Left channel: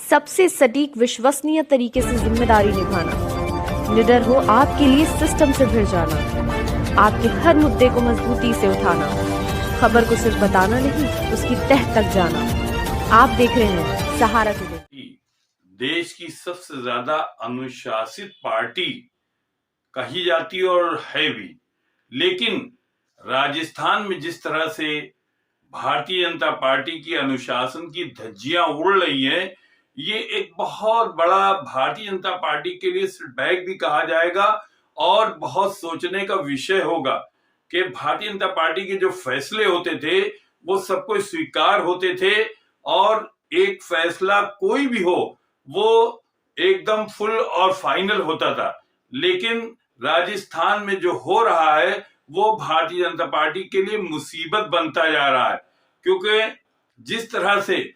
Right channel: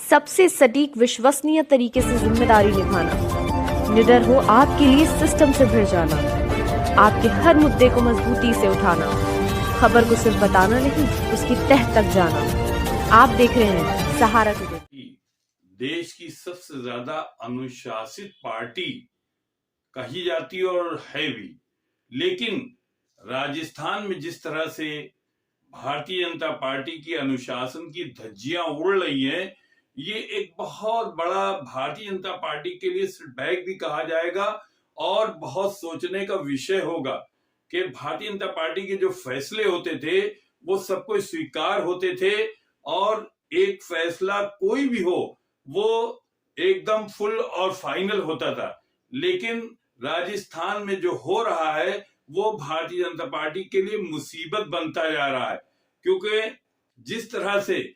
सबसे सटीक विश्वसनीय तरीके से जिम्मेदारी निभाना, निडर हो आपके लिए सिस्टम से भिड़ जाना, आपके हर मुद्दे को मजबूती से उठाना, खबर को सिर्फ बताना नहीं उसकी तह तक जाना। आप देख रहे हैं सहारा टुडे। देश की सबसे ज्यादा अनुशासित पार्टी कही जाती है और है भी, लेकिन राजस्थान में जिस तरह से भारतीय जनता पार्टी की अनुशासन की धज्जियां उड़ रही हैं, ये एक बहुत बड़ा भारतीय जनता पार्टी के लिए सेटबैक भी कहा जाएगा और बहुत सोचने का विषय होगा कि भारतीय जनता पार्टी के जो फैसले होते थे वो सबको स्वीकार होते थे और एक फैसला कोई भी हो वो एकदम फुल और फाइनल होता था। लेकिन राजस्थान में जो हो रहा है वो भारतीय जनता पार्टी के लिए मुसीबत बनता जा रहा है, क्योंकि जिस तरह से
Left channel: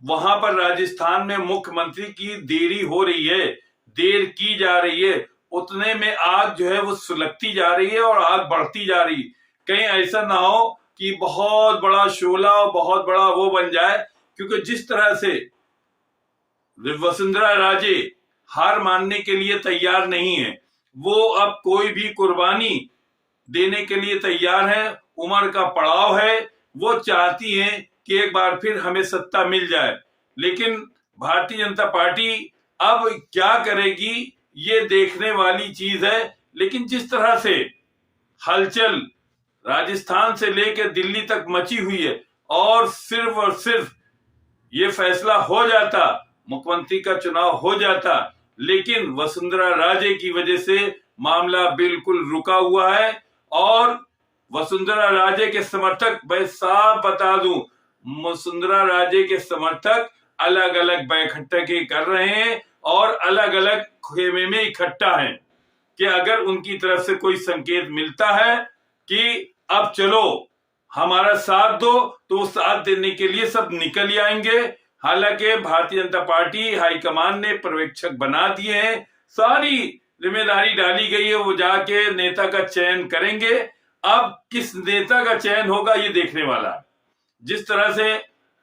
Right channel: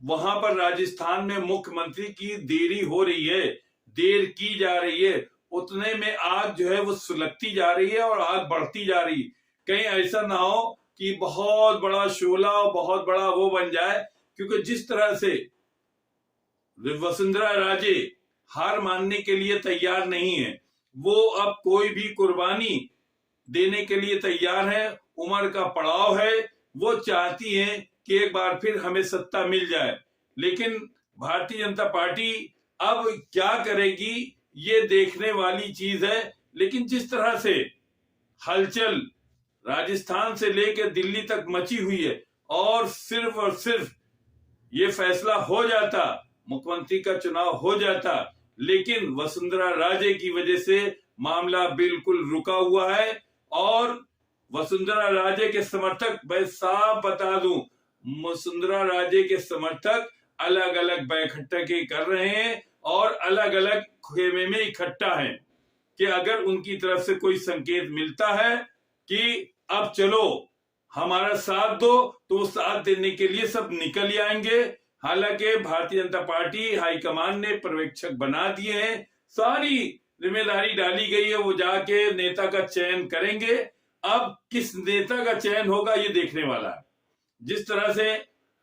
वहां पर राजस्थान में मुख्यमंत्री की देरी हो रही है, देर की जा रही है, उतने में आग जो है वो सुलगती जा रही है और आग बढ़ती जा रही। कहीं ऐसा ना हो कि बहुत बड़ा शोला और बहुत बड़ा वो बन जाए, क्योंकि जिस तरह से वसुंधरा राजे हार मानने के लिए तैयार नहीं है, वो अब कोई भी कुर्बानी देने के लिए तैयार है। उम्र का पड़ाव है, वो चाहती हैं कि एक बार फिर हमें सत्ता मिल जाए। लेकिन भारतीय जनता पार्टी अब क्या करेगी ये देखने वाली चीज है। लेकिन जिस तरह से हलचल राजस्थान से लेकर दिल्ली तक मची हुई है और सिर्फ ये फैसला हो जाता, मुख्यमंत्री का चुनाव हो जाता, लेकिन वसुंधरा राजे की वजह से मामला बिल्कुल रुका हुआ है। और वसुंधरा राजे के समर्थक, मैं साफ बता दूं, वसुंधरा राजे के समर्थक अलग अलग बैठकें कर रहे हैं और अलग अलग खेमे में इकट्ठा हैं कि अगर उनकी तरफ से कोई संकेत मिलता है कि अब चलो हमारा साथ दो, तो वो साथ देने के लिए सब निकल आएंगे। हालांकि भारतीय जनता पार्टी हाईकमान ने पर्यवेक्षक बना दिए हैं, सारी जिम्मेदारी डाली गई है, वो जाके नेता का चयन करेंगे। अब किस नेता का चयन होगा ये देखने वाला है। जिस तरह से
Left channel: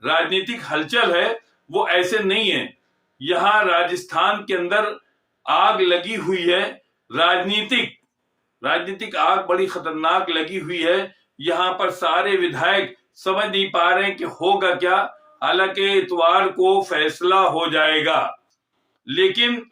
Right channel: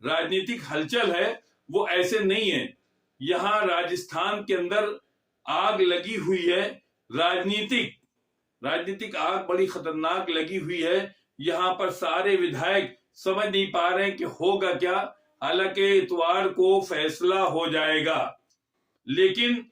राजनीतिक हलचल है वो ऐसे नहीं है। यहाँ राजस्थान के अंदर आग लगी हुई है, राजनीतिक आग बड़ी खतरनाक लगी हुई है। यहाँ पर सारे विधायक समझ नहीं पा रहे हैं कि होगा क्या। हालांकि इतवार को फैसला हो जाएगा, लेकिन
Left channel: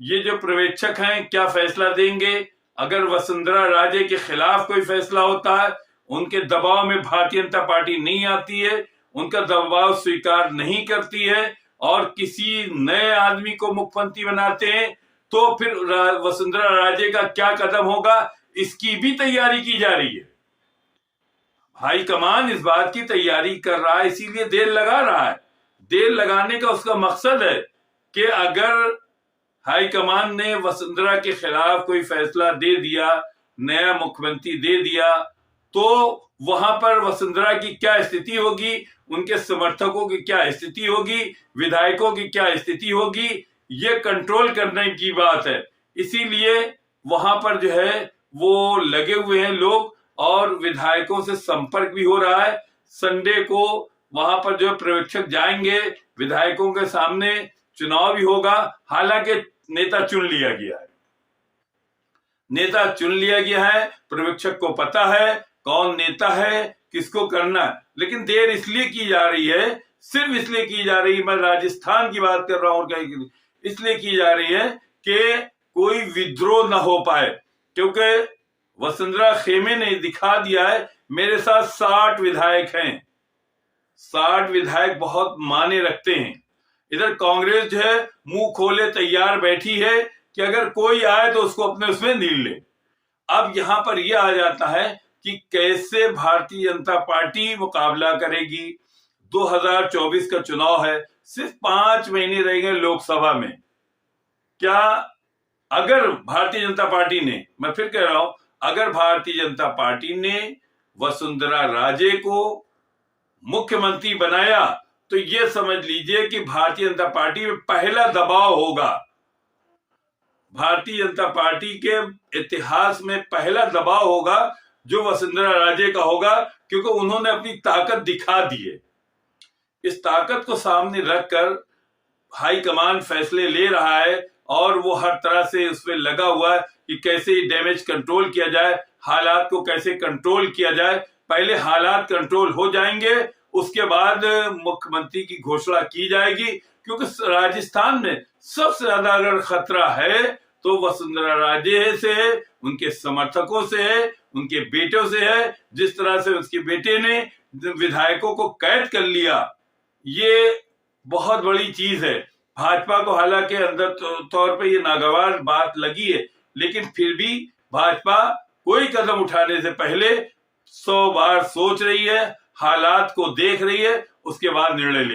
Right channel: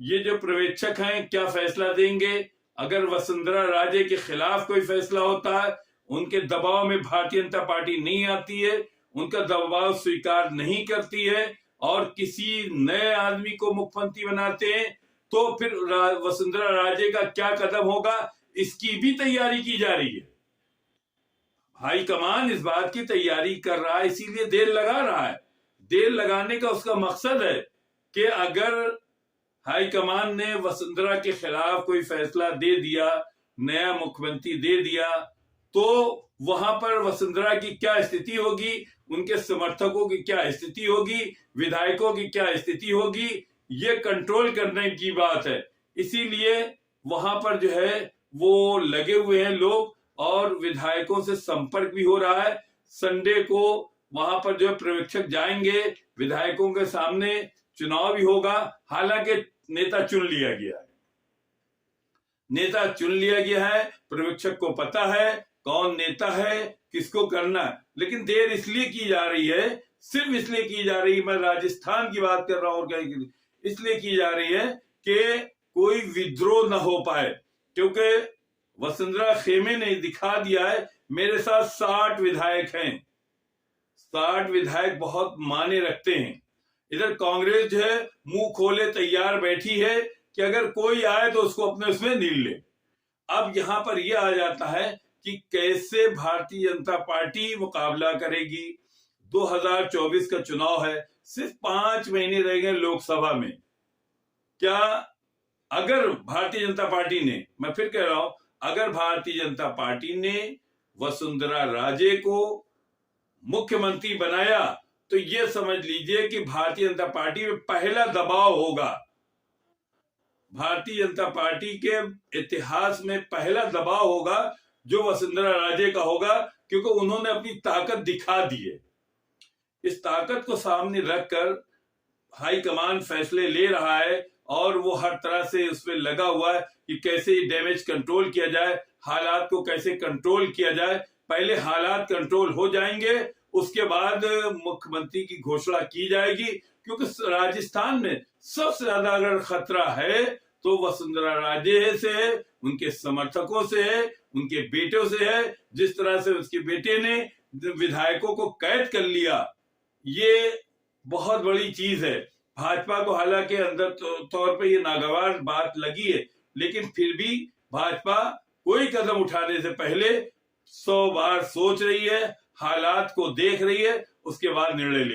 ये जो पर्यवेक्षक हैं क्या फैसला देंगे। अगर वसुंधरा राजे के खिलाफ कोई फैसला होता है, उनके दबाव में भारतीय जनता पार्टी नहीं आती है, उनका दबाव स्वीकार नहीं करती है और किसी नए आदमी को मुख्यमंत्री बनाते हैं, तो फिर वसुंधरा राजे का क्या कदम होगा इसकी भी तैयारी की जा रही है। हाईकमान इस बात की तैयारी कर रहा है, इसीलिए देर लगा रहा है। देर लगाने का उसका मकसद है कि अगर हाईकमान ने वसुंधरा के खिलाफ कोई फैसला दे दिया, नया मुख्यमंत्री दे दिया, तो वहां पर वसुंधरा की क्या स्थिति होगी, उनके समर्थकों की क्या स्थिति होगी, विधायकों की क्या स्थिति होगी, ये कंट्रोल करने की बात है। इसीलिए वहां पर जो है वो लगे हुए हैं लोग और विधायकों से संपर्क भी हो रहा है। संडे को वहां पर जो पर्यवेक्षक जाएंगे, विधायकों के सामने चुनाव भी होगा। हालांकि नेता चुन लिया गया है, पर्यवेक्षक को पता है कौन नेता है, किसको करना है। लेकिन देर इसलिए की जा रही है, सिर्फ इसलिए की जा रही है, मैं राजस्थान की बात कर रहा हूं, और कहीं इसलिए की जा रही है कि कोई विद्रोह ना हो पाए। क्योंकि वसुंधरा खेमे ने दिखा दिया है, मेरे साथ 60 विधायक हैं, 60 विधायक बहुत माने रखते हैं। इधर कांग्रेस जो है मुंह खोले तैयार बैठी है कि अगर कोई आए तो उसको अपने उसमें नील ले। अब यहां पर यह आ जाता है कि कैसे भारतीय जनता पार्टी मुकाबला करेगी। 2024 का चुनाव है, सिर्फ 5 महीने रह गए लोकसभा में। क्या अगर भारतीय जनता पार्टी ने, मैं फिर कह रहा हूं, अगर भारतीय जनता पार्टी ने वसुंधरा राजे को मुख्यमंत्री बनाया तो यह समझ लीजिए कि भारतीय जनता पार्टी में पहला दबाव होगा, भारतीय जनता पार्टी के इतिहास में पहला दबाव होगा जो वसुंधरा राजे का होगा, क्योंकि उन्होंने अपनी ताकत दिखा दी है। इस ताकत को सामने रखकर हाईकमान फैसले ले रहा है और वो हर तरह से उस पर लगा हुआ है कि कैसे डैमेज कंट्रोल किया जाए, हालात को कैसे कंट्रोल किया जाए। पहले हालात कंट्रोल हो जाएंगे, उसके बाद मुख्यमंत्री की घोषणा की जाएगी, क्योंकि राजस्थान में सबसे ज्यादा अगर खतरा है तो वसुंधरा राजे से है, उनके समर्थकों से है, उनके बेटों से है। जिस तरह से उसके बेटे ने विधायकों को कैद कर लिया, ये बहुत बड़ी चीज है। भाजपा को हालांकि अंदर तौर पे ये नागवार बात लगी है, लेकिन फिर भी भाजपा कोई कदम उठाने से पहले 100 बार सोच रही है, हालात को देख रही है, उसके बाद निर्णय ले।